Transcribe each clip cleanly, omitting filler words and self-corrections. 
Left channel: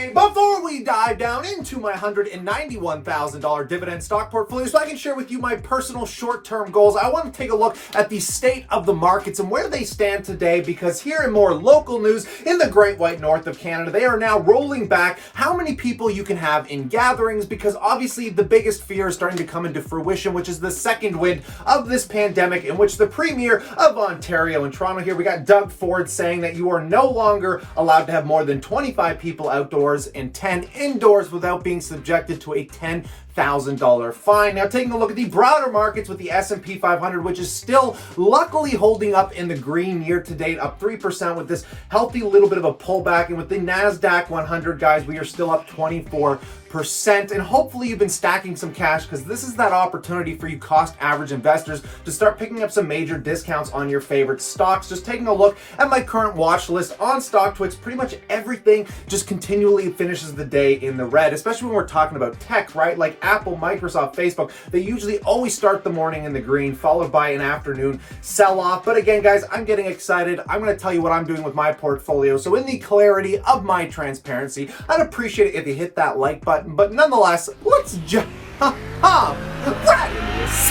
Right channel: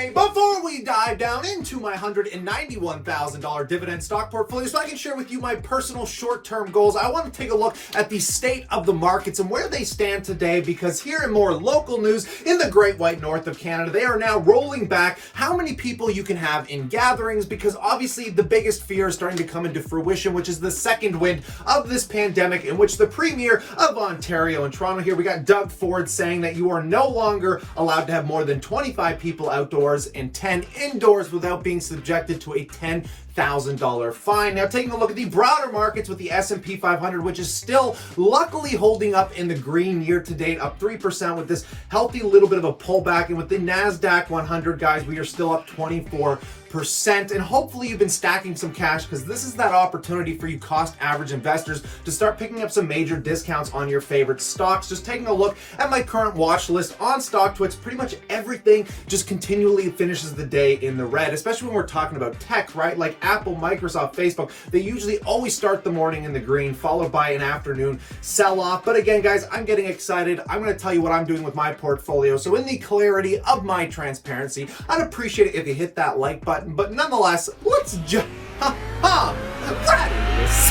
Hey, before we dive down into my $191,000 dividend stock portfolio so I can share with you my personal short-term goals, I want to take a look at the state of the markets and where they stand today, because here in more local news in the Great White North of Canada, they are now rolling back how many people you can have in gatherings, because obviously the biggest fear is starting to come into fruition, which is the second wind of this pandemic, in which the Premier of Ontario and Toronto here, we got Doug Ford saying that you are no longer allowed to have more than 25 people outdoors and 10 indoors without being subjected to a $10,000 fine. Now, taking a look at the broader markets with the S&P 500, which is still luckily holding up in the green year to date, up 3% with this healthy little bit of a pullback. And with the NASDAQ 100, guys, we are still up 24%. And hopefully you've been stacking some cash, because this is that opportunity for you cost average investors to start picking up some major discounts on your favorite stocks. Just taking a look at my current watch list on StockTwits, pretty much everything just continually finishes the day in the red, especially when we're talking about tech, right? Like Apple, Microsoft, Facebook, they usually always start the morning in the green, followed by an afternoon sell-off. But again, guys, I'm getting excited. I'm going to tell you what I'm doing with my portfolio. So in the clarity of my transparency, I'd appreciate it if you hit that like button. But nonetheless, let's just right into this.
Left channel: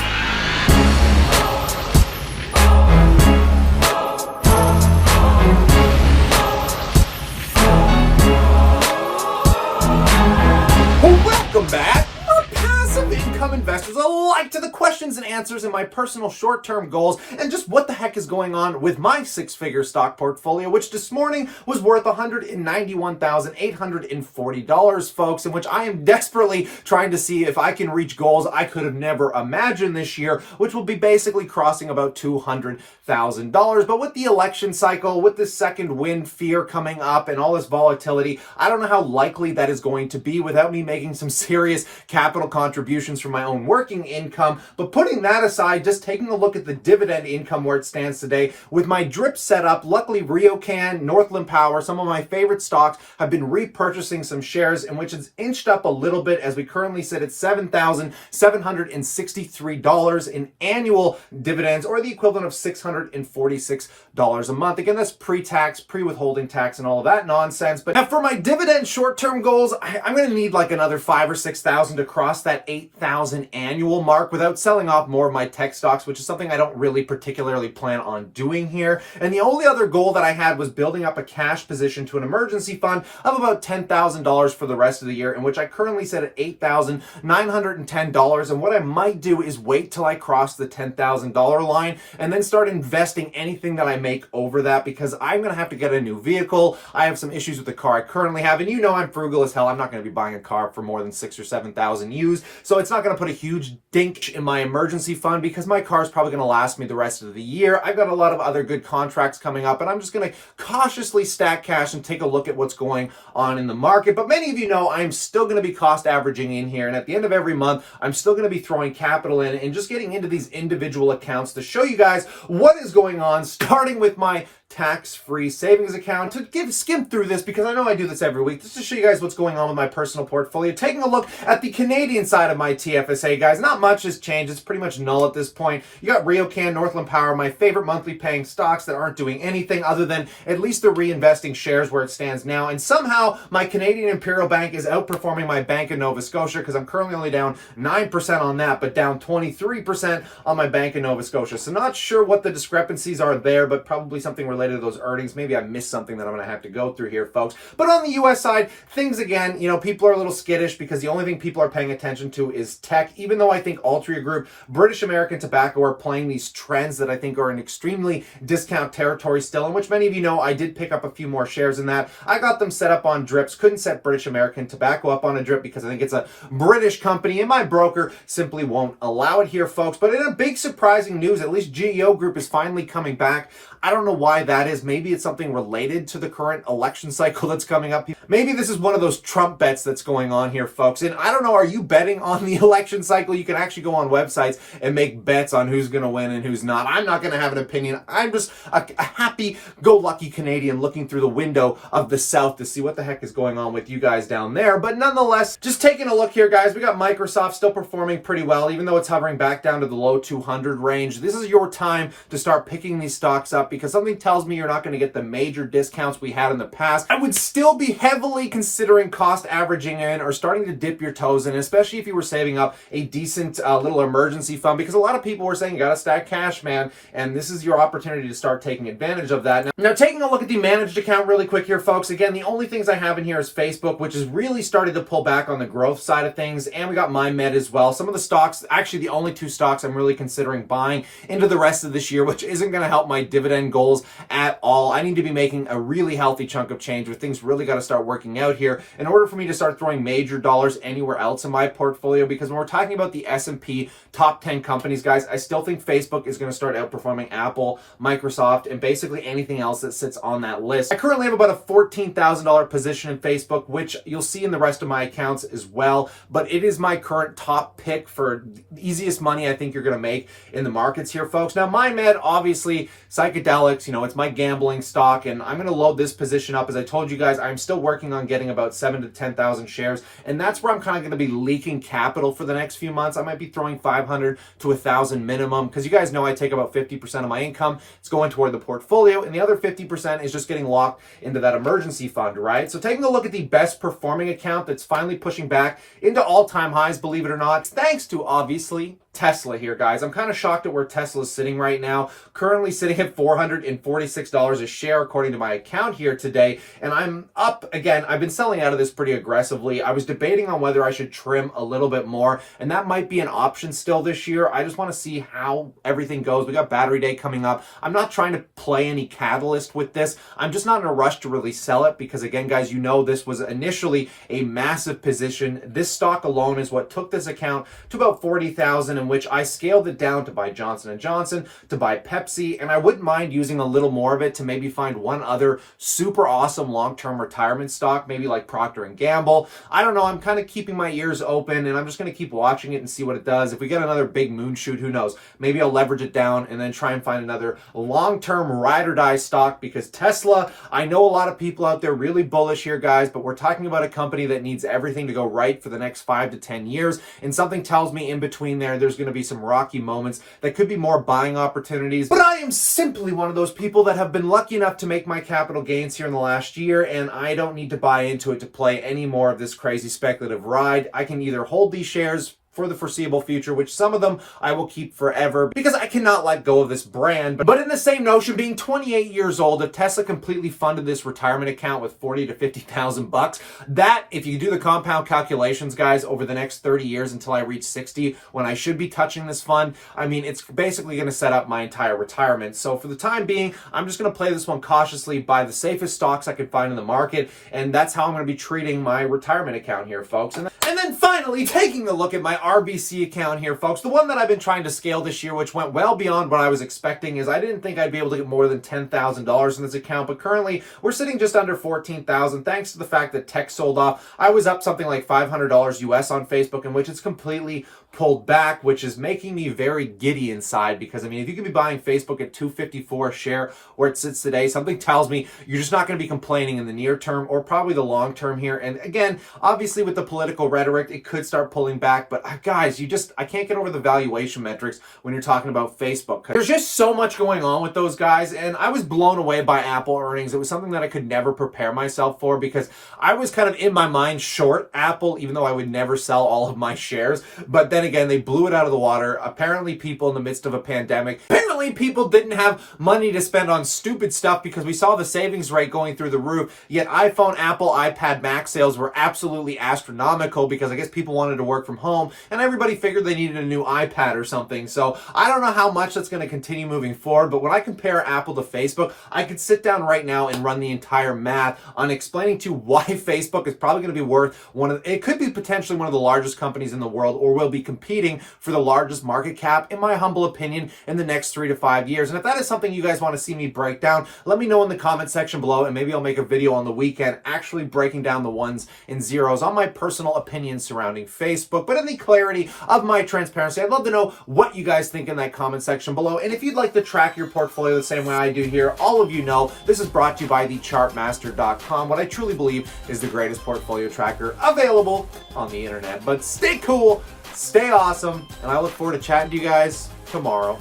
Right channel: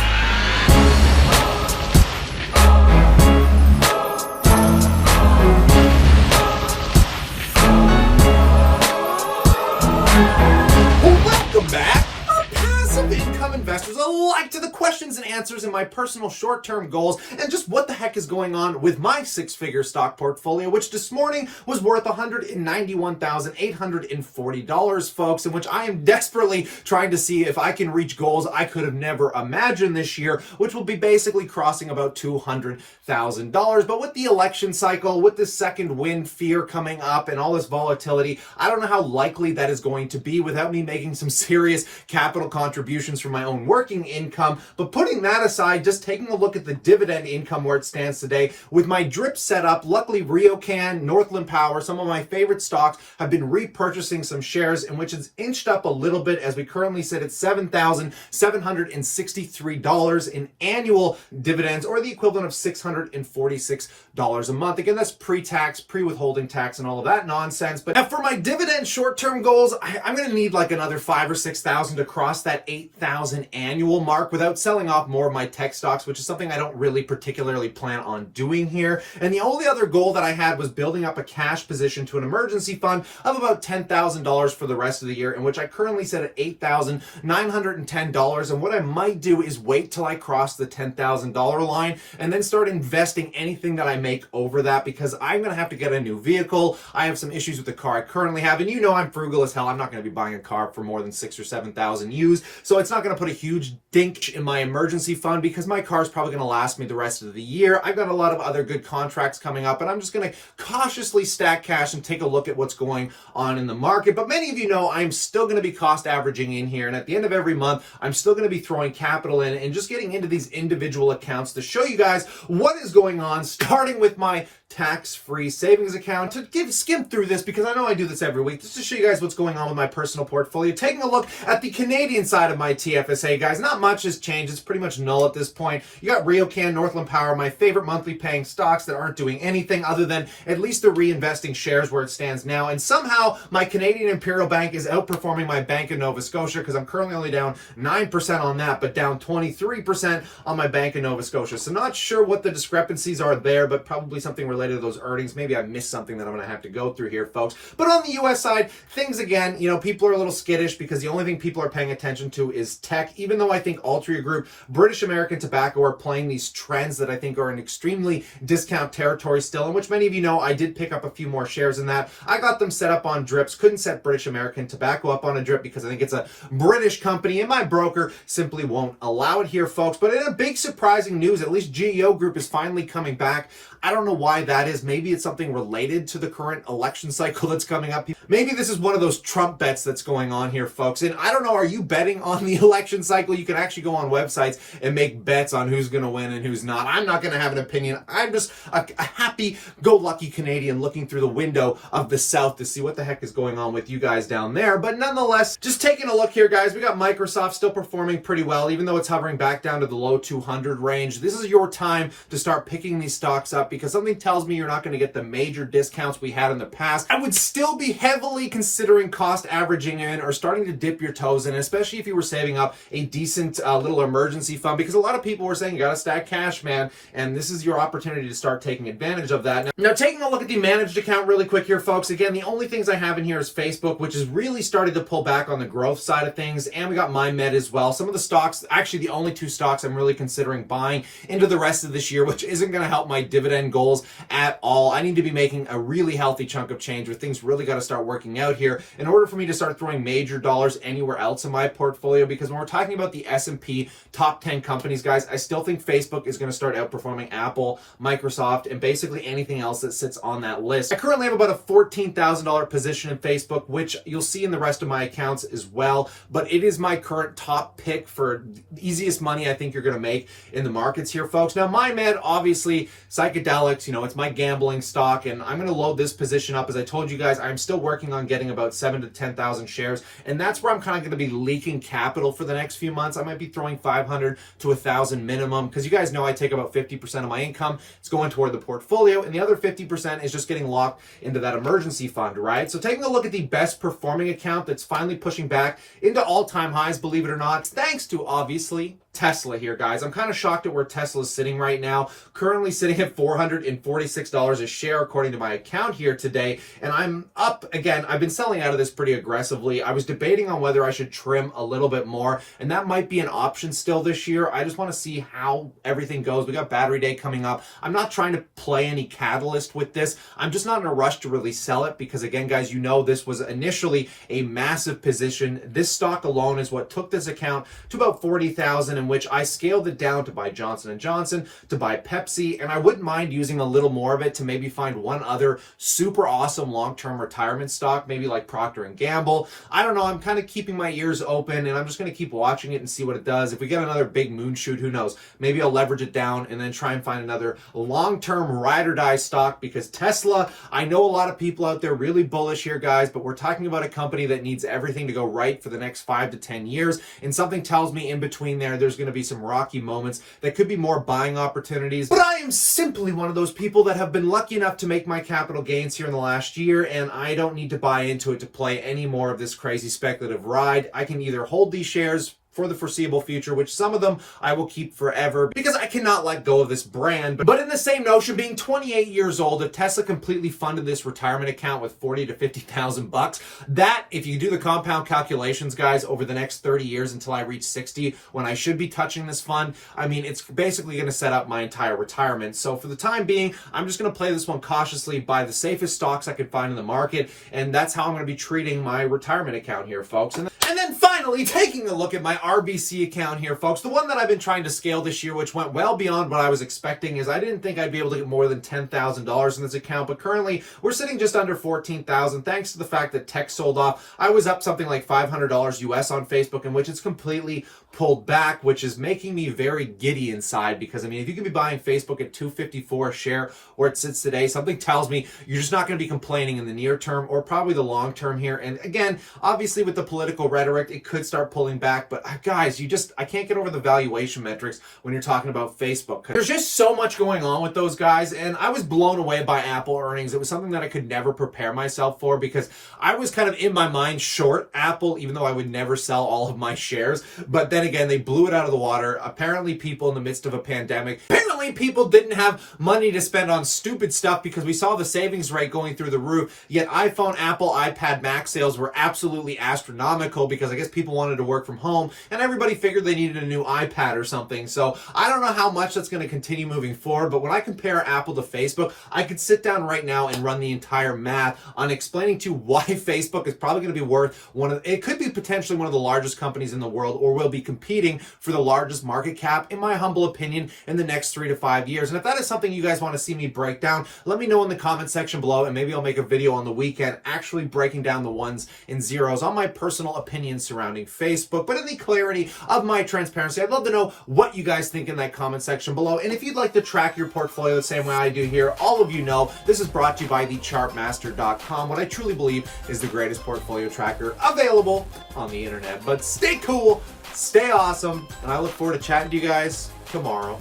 Welcome back, our passive income investors alike, to the questions and answers in my personal short-term goals and just what the heck is going on with my six-figure stock portfolio, which this morning was worth $191,840, folks, in which I am desperately trying to see if I can reach goals I could have never imagined this year, which will be basically crossing about $200,000. But with the election cycle, with this second wind fear coming up and all this volatility, I don't know how likely that is going to be without me making some serious capital contributions from my own working income. But putting that aside, just taking a look at the dividend income where it stands today with my drip setup, luckily RioCan, Northland Power, some of my favorite stocks, have been repurchasing some shares, in which it's inched up a little bit as we currently sit at $7,763 in annual dividends, or the equivalent of $646 a month. Again, that's pre-tax, pre-withholding tax, and all of that nonsense. But now for my dividend short-term goals, I'm going to need like another 5,000 or 6,000 to cross that 8,000 annual mark without selling off more of my tech stocks, which is something I don't really particularly plan on doing here. And the only other goal that I had was building up a cash position to an emergency fund of about $10,000 for the rest of the year, in which I currently sit at $8,910. And what I might do is wait till I cross the $10,000 line and then start investing anything that I make over that, because I'm going to have to get a new vehicle. I have some issues with the car I currently have, and you know I'm frugal as hell. I'm not going to be buying a car for more than 6,000 or 7,000 used, so it's not going to put a huge dink in my emergency fund, because my car is probably going to last me the rest of the year. I've got a lot of other good contracts coming up, and I'm just going to cautiously stack cash and take a look at what's going on in the market. But many of you know I'm still going to be cost averaging in here, and at the end of every month, I'm still going to be throwing capital in and just getting into these individual accounts to show you guys what is going on, starting with my tax-free savings account, to skim through this, because I know I do this every week, just to show you guys what's going on with my personal portfolio. Taking a look at the Canadian side of my TFSA, guys, not much has changed. It's pretty much null at this point. You got RioCan, Northland Power, my favorite monthly paying stocks that aren't doing anything other than at least the reinvesting shares where it stands now. And somehow my Canadian Imperial Bank is outperforming my Bank of Nova Scotia, because I'm currently only down 9% on that, but down 23% on my Bank of Nova Scotia. So not sure what the discrepancies are there, but probably something related to those earnings. Maybe I missed something that I'm going to have to go through here, folks. But on the US side, things again, you know, people are a little skittish, because the only thing people are paying attention to is tech, even though I think Altria Group, British American Tobacco are playing these trends that I think are in extremely discount territory still, in which many of you know I did pick up a few more shares in that. I got them set up on drips, couldn't set British American Tobacco up on a drip because I think it's a British company, and my broker simply won't allow it here, folks. But in a big surprising news, at least GEO Group is finally coming back. I don't know why that is. Maybe it's something related to the current election cycle that's coming up. Maybe this is one of those Trump bets that's going on here, folks. And I don't know, are you betting on the election cycle? You can actually go on websites and make bets on who's going to win and who's not. I'm not going to have an opinion. I'm just a happy-go-lucky Canadian looking through the window of the South to see what the heck is going on with you guys down there. But nonetheless, just taking a look here, guys, we got Microsoft still performing pretty well, even though it's hovering back down to the low 200 range. This is your time to start picking these stocks up, because something tells tells me you're not going to get the major discounts we had in the past. I would still be heavily considering cost averaging in or starting to dip your toes in, especially if you were saving up a decent little emergency fund, because a lot of people were saying you got to stack cash, man, and this is your opportunity to start taking advantage of that. Now, taking a look at the managed account really quick here, folks. Again, the only things I have in here is Facebook, which is really started to pull back on the growth side of things, and we got MyMed as well. Some of the stocks, actually the only two stocks I'm really considering buying into the rest of this year, which isn't going to help my dividend goals at all. I need to be making a really healthy chunk of change where things really got to start working out here in order for me to start throwing major dollars anywhere else in my portfolio, because when we're talking about the S&P top 10 companies, guys, I still think Facebook is going to start outperforming Apple, Microsoft, and basically anything else that sits on that list. I currently have about a $14,000 position in Facebook, which you'll see in the rest of my accounts as well, but it is my current top pick for the easiest money I think you're going to make in the markets here, folks. Now, MyMed, obviously, psychedelics, you know, it's my gambling stock, and I'm going to load this position up. As I told you guys, I'm still working on getting about 7,000 to 10,000 shares, and that's where I'm kind of going to be leaking capital for the next few months. I might be throwing 500 to 1,000 minimum, because you guys know I take about 50% of my income. It's going toward the portfolio, and the other 50% is just getting locked into that emergency fund, right? So taking a look at the best performing account that's finally pushing back into all-time highs, believe it or not, thanks to, obviously, Tesla here, guys. I'm kind of shocked at where Tesla is sitting right now. Currently sitting at $446 a share, according to my account here today. And I'm up again. I've been selling out of this pretty aggressively. I was debating on whether I should trim a little bit more, and that might be an option still this year. I just want to see how everything goes. We got Battery Day coming up. I'm not trying to play any catalyst with this. I'm just not in a rush to really sell it, because again, guys, you know this was initially a massive position. This stock alone is what took this account to about 40,000, in which I scaled it down to buy Johnson & Johnson, to buy Pepsi, and I wouldn't mind using a little more of it to maybe find one other super awesome long-term retirement stock, maybe like Procter & Gamble. I don't know. I'm kind of keeping my ears open, and I'm just going to keep watching it and see what it does. If we get another big moon shoot, who knows? Maybe I'll leverage it down and then try and find another long-term ride or die stock, because Tesla, I know a lot of people out there really bullish here, guys, but we're talking about a company that needs everything to go right for the next 5 to 10 years, and something tells me in between there's going to be some rocky moments that could be more buying opportunities. But I am simply one of those people that have been lucky enough to make my capital gains here in the last year, and I don't need to buy into it to play any more of this crazy speculative ride. I can either hold these shares for the foreseeable future, which some of them I will keep forever because I cannot let go of this brand. But in the same notion, being 28 years old, if Tesla completely funded this retirement account with 40 to 50,000 bucks, that, if you do the compound calculations, guys, over the next 30 years until I reach 60, when I should be touching this fund, I mean, it's basically going to set up my entire retirement. So for the time being, I'm just going to play this one cautiously, buy the safest stocks I could find in the market, and that's how I'm going to be treating my retirement account here, folks. And then finally, taking a look at my RBC account here, folks, the one that I've been trying to scale this year, which went well beyond what I was expecting, is I didn't think I'd be able to get more than $10,000 in this account, but currently we're sitting just under $14,000 thanks to the fact that tech sold off. I was up something like $500 US on Facebook, in which it's completely pulled back, which is making me very giddy inside, because I mean, if you can be buying Facebook at $254 a share where it sits today, something tells me you're just not going to be complaining in the near term or probably the long term here. And again, obviously with the political rhetoric, it could start pulling back, but guys, I can't get over the valuation metrics when you're talking about Facebook. There's just so much going on with those guys, and I was blown away by Apple earnings. It was something that I could never prepare myself for, because I was kind of in my mind short Apple, even though I would never sell all of my shares. But then again, they blew it out of the water. Apparently people in the midst of a pandemic, apparently people didn't have money to spend on stupid stuff, because we saw the savings rate going through the roof, yet iPhone, Apple, iPad Mac sales were absolutely astronomical, because I guess people wanted to work from home and everybody figured they needed a new iPad or something. So I don't know how much that's going to continue moving forward, but when I compare Apple to Facebook, I could sit down right now and run the entire math on explaining to you why Facebook is probably going to be worth it could be potentially one of the largest companies in the world, or will be competing for the largest market cap, in my humble opinion, in the next 3 to 5 years. And if that is something you guys want to see me break down, let me know in the comment section below, and maybe I'll make a video on the weekend actually breaking down the ones and zeros on my personal opinions surrounding Facebook. But in the clarity of my transparency, I'd love to know what you guys think in that comment section below. And if you'd like to track your portfolio the same way I do here, all of you know this is brought to you by thechartmaster.com, what I truly believe is the greatest portfolio tracker available on the internet. But stay cool, stay awesome, and I look forward to chatting to you guys tomorrow.